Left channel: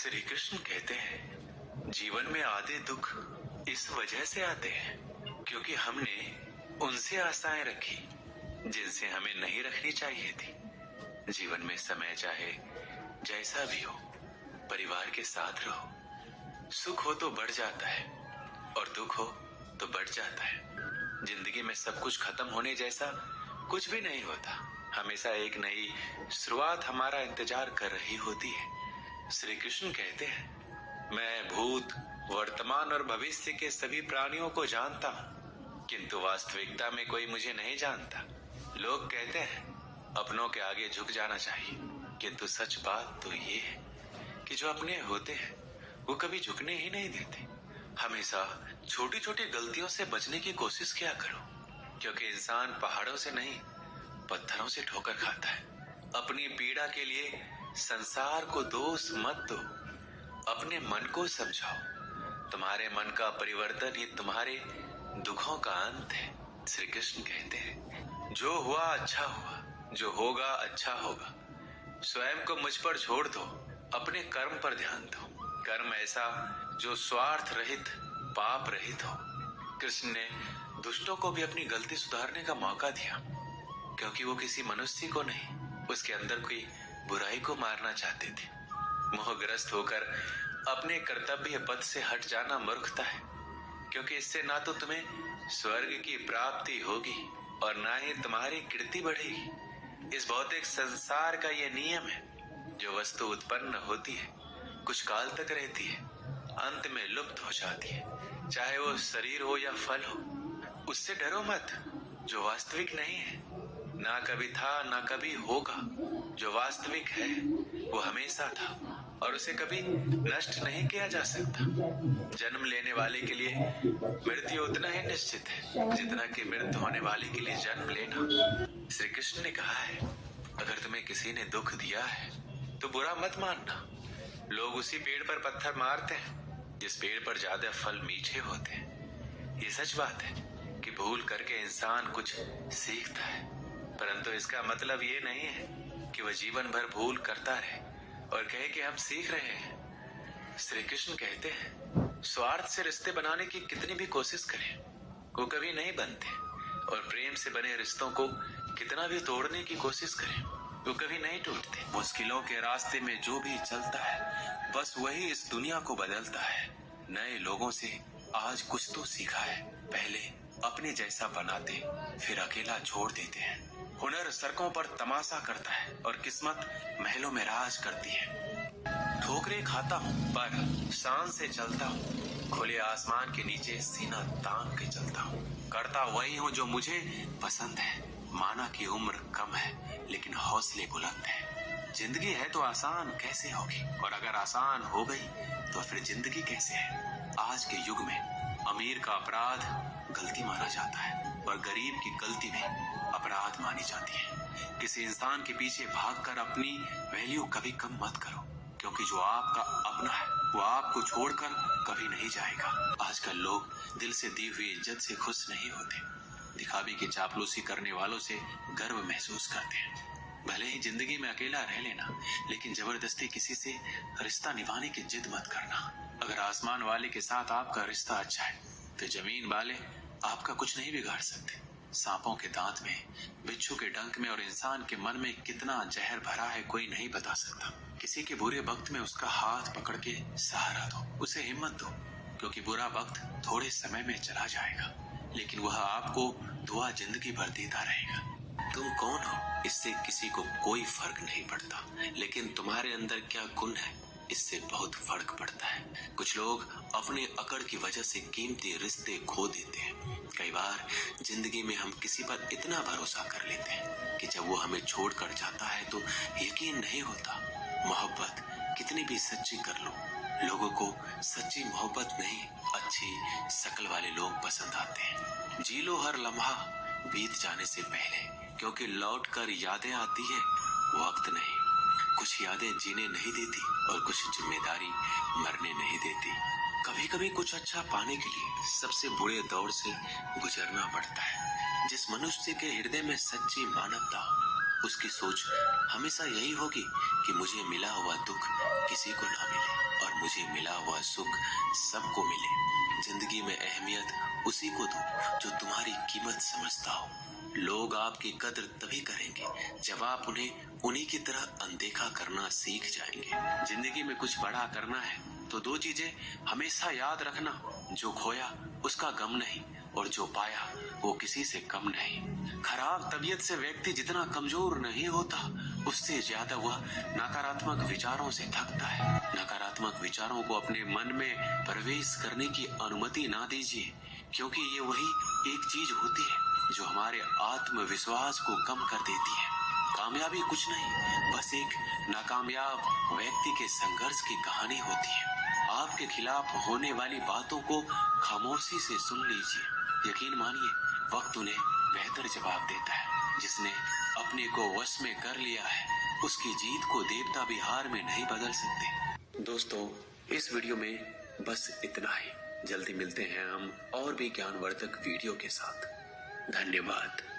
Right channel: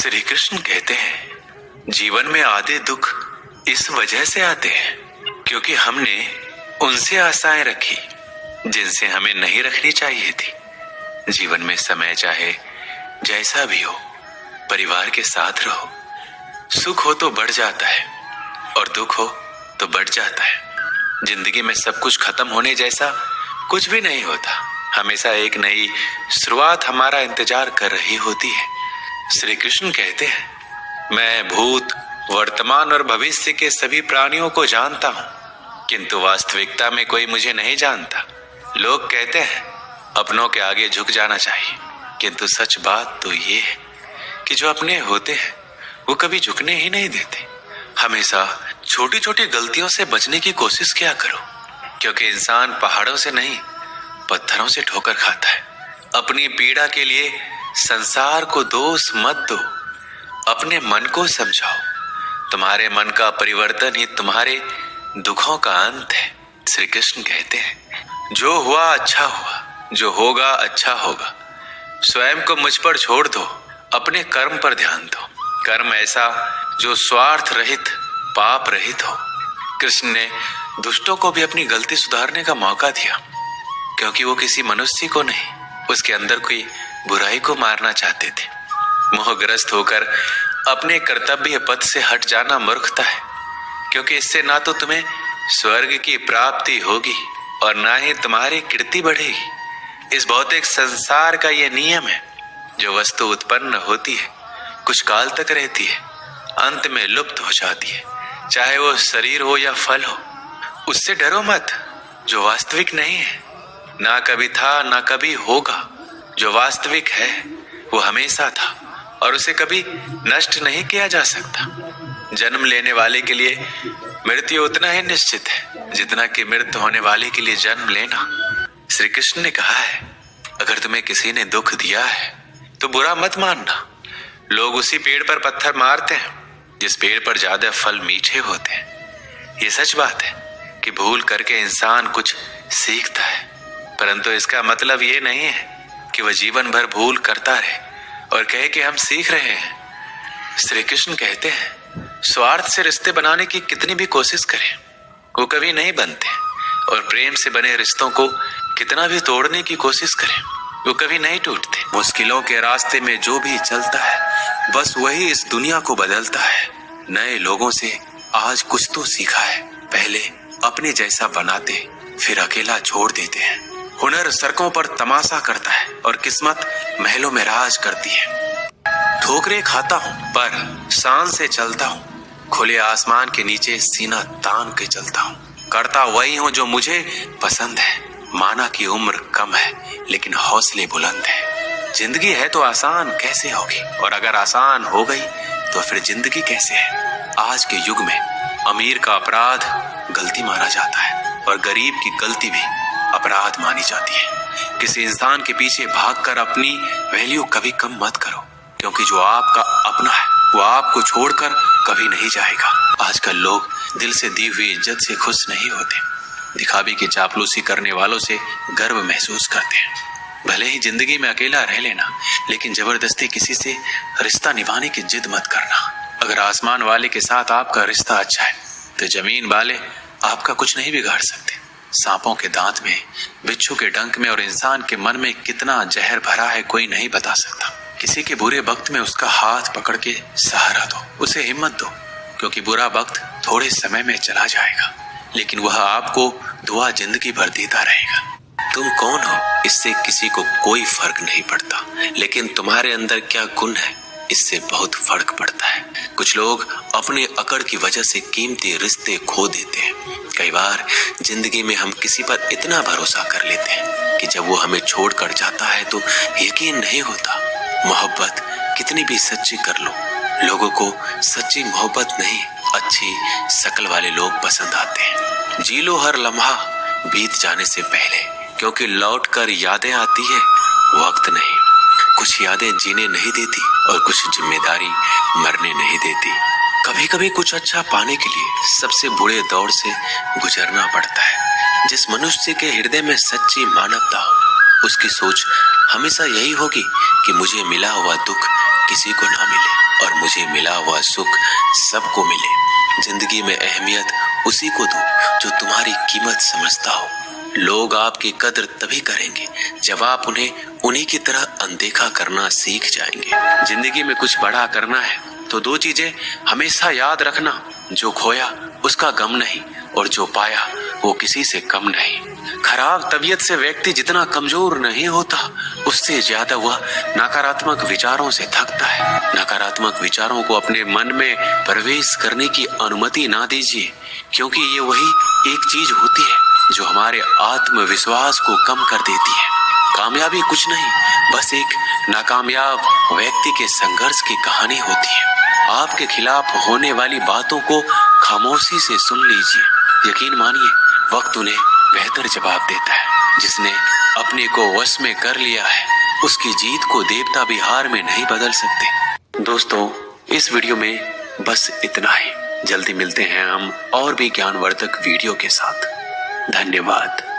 श्री कृष्ण कहते हैं, जीवन में आधे दुख इस वजह से आते हैं क्योंकि हमने उनसे आशाएं रखी जिनसे हमें नहीं रखनी चाहिए थी। जीवन में समय चाहे जैसा भी हो, परिवार के साथ रहो। सुख हो तो बढ़ जाता है और दुख हो तो बढ़ जाता है। जिंदगी में सब कुछ खत्म होने जैसा कुछ भी नहीं होता। हमेशा एक नई शुरुआत हमारा इंतजार कर रही होती है। श्री कृष्ण कहते हैं, मैं भूत, वर्तमान और भविष्य के सभी प्राणियों को जानता हूं, किंतु वास्तविकता में कोई मुझे नहीं जानता। लोग कहते हैं अपनों के आगे झुक जाना चाहिए, किंतु सच बात तो ये है कि जो अपने होते हैं वो कभी झुकने ही नहीं देते। हमेशा छोटी छोटी गलतियों से बचने की कोशिश किया करो, क्योंकि इंसान पहाड़ों से नहीं पत्थरों से ठोकर खाता है। अपनी पीड़ा के लिए संसार को दोष मत दो, अपने मन को समझाओ। तुम्हारे मन का परिवर्तन ही तुम्हारे दुखों का अंत है। श्री कृष्ण कहते हैं, जो हुआ अच्छा हुआ, जो होगा अच्छा होगा। स्वयं को मुझ पर छोड़ दो, अपने कर्म पर ध्यान दो। कर्म ऐसा जो स्वार्थ रहित, पाप रहित हो। कृष्ण ने दुष्टों को भी अपनी गलती सुधारने का मौका दिया, क्योंकि वो किसी मनुष्य को नहीं, उसके अंदर कोई बुराई को मारना चाहते थे। मोहग्रस्त होकर अपने कर्तव्य पथ से हट जाना मूर्खता है, क्योंकि इससे ना तो तुम्हें स्वर्ग की प्राप्ति होगी और ना ही तुम्हारी कीर्ति बढ़ेगी। इस भौतिक संसार का यह नियम है, जो वस्तु उत्पन्न होती है कुछ काल तक रहती है, अंत में लुप्त हो जाती है। चाहे वो शरीर हो या फल हो, उससे डरो मत जो वास्तविक नहीं है। ना कभी था ना कभी होगा। जो वास्तविक है वो हमेशा था और उसे कभी नष्ट नहीं किया जा सकता। जन्म लेने वाले के लिए मृत्यु उतना ही निश्चित है जितना कि मृत्यु होने वाले के लिए जन्म लेना। श्री कृष्ण ने कहा है, अगर तुम्हें किसी ने दुख दिया है तो बुरा मत मानना। लोग उसी पेड़ पर पत्थर मारते हैं जिस पेड़ पर ज्यादा फल मीठे होते हैं। ये सच बात है कि भूल करके इंसान कुछ सीखता है, परंतु इसका मतलब ये नहीं है कि वह जीवन भर भूल करता रहे और कहे कि हम सीख रहे हैं। श्री कृष्ण कहते हैं, स्वार्थ से रिश्ते बनाने की कितनी भी कोशिश करें वो कभी नहीं बनते, और प्रेम से बने रिश्तों को कितना भी तोड़ने की कोशिश करें वो कभी नहीं टूटते। मुश्किलों के रास्ते में जो भी चलता है बस वही इस दुनिया को बदलता है। नए लोगों से आज कुछ तो सीखा है। पहले अपने जैसा बनाते, फिर अकेला छोड़ देते हैं। हुनर सड़कों पर तमाशा करता है और किस्मत महलों में राज करती है। ठोकरें खाता हूँ पर शान से चलता हूँ। खुले आसमान के नीचे सीना तान के चलता हूँ। करता वही हूँ जो मुझे पसंद है। माना कि उम्र कम है लेकिन हौसले बुलंद है। जिंदगी है तो आसान कैसे होगी, और अगर आसान हो गई तो फिर जिंदगी कैसे है। आज के युग में अमीर का अपराध गलती माना जाता है और गरीब की गलती भी अपराध मानी जाती है। किसी इंसान के पीछे भागकर अपनी वैल्यू कभी कम मत करो, क्योंकि जो आपका अपना है वो आपको छोड़कर कभी नहीं जाएगा। आजकल लोग दिल से दी हुई इज्जत से खुश नहीं होते, दिखावे की चापलूसी करने वालों से गर्व महसूस करते हैं। भले ही जिंदगी में अकेला रह लेना, लेकिन जबरदस्ती किसी से रिश्ता निभाने की जिद मत करना। अगर आसमान वाले के साथ आपका रिश्ता अच्छा है तो जमीन वाले आपका कुछ नहीं बिगाड़ सकते। सांपों के दांत में, बिच्छू के डंक में और इंसान के मन में कितना जहर भरा है कोई नहीं बता सकता। किसी के बुरे वक्त में उसका हाथ पकड़ के सहारा दो, उसे हिम्मत दो, क्योंकि बुरा वक्त थोड़े समय में चला जाएगा लेकिन वह आपको दुआ जिंदगी भर देता रहेगा। तुम कौन हो इससे किसी को कोई फर्क नहीं पड़ता, लेकिन तुम्हारे अंदर क्या गुण है इससे बहुत फर्क पड़ता है। कुछ लोग अपने अकड़ की वजह से कीमती रिश्ते खो देते हैं। कई बार जिंदगी में हम किसी पर इतना भरोसा कर लेते हैं कि जब वो हमें छोड़कर जाता है तो यकीन नहीं होता। मोहब्बत कितनी भी सच्ची कर लो, लोगों को सच्ची मोहब्बत नहीं, अच्छी शक्ल वाले लोग पसंद आते हैं। जी लो हर लम्हा बीत जाने से पहले, क्योंकि लौट कर यादें आती है, वक्त नहीं। कुछ यादें जीने नहीं देती और कुछ जिम्मेदारी मरने नहीं देती। कभी कभी कुछ अच्छा पाने के लिए सबसे बुरे दौर से गुजरना पड़ता है। जिस मनुष्य के हृदय में सच्ची मानवता हो, उसकी सोच हमेशा यही होगी कि मुझे मिला हुआ दुख किसी को ना मिले और मुझे मिला हुआ सुख सबको मिले। जिंदगी में अहमियत उसी को दो जो तुम्हारी कीमत समझता हो। लोग आपकी कदर तभी करेंगे जब आप उन्हें उन्हीं की तरह अनदेखा करना सीख जाएंगे। जिंदगी में कुछ बड़ा करना है तो दो चीजें हमेशा याद रखना, जो खोया उसका गम नहीं और जो पाया वो किसी से कम नहीं। खराब तबीयत से व्यक्ति जितना कमजोर नहीं होता, उससे ज्यादा वह नकारात्मक विचारों से थकता है। नकारात्मक विचारों को अपने मन में प्रवेश करने की अनुमति ना दीजिए, क्योंकि ये वही एक चीज होती है जो हमारे आत्मविश्वास को कम कर देती है। कामयाबी कुछ नहीं, बस एक नाकामयाब व्यक्ति के संघर्ष की कहानी होती है। आपके खिलाफ होने वाली बातों को खामोशी से सुन लीजिए। यकीन मानिए, वक्त उन्हें बेहतर जवाब देता है। जिसने अपने को वश में कर लिया है, उसकी जीत को देवता भी हार में नहीं बदल सकते। दोस्तों, इस वीडियो में बस इतना ही। जल्दी मिलते हैं हम और भी ज्ञानवर्धक वीडियो के साथ। धन्यवाद।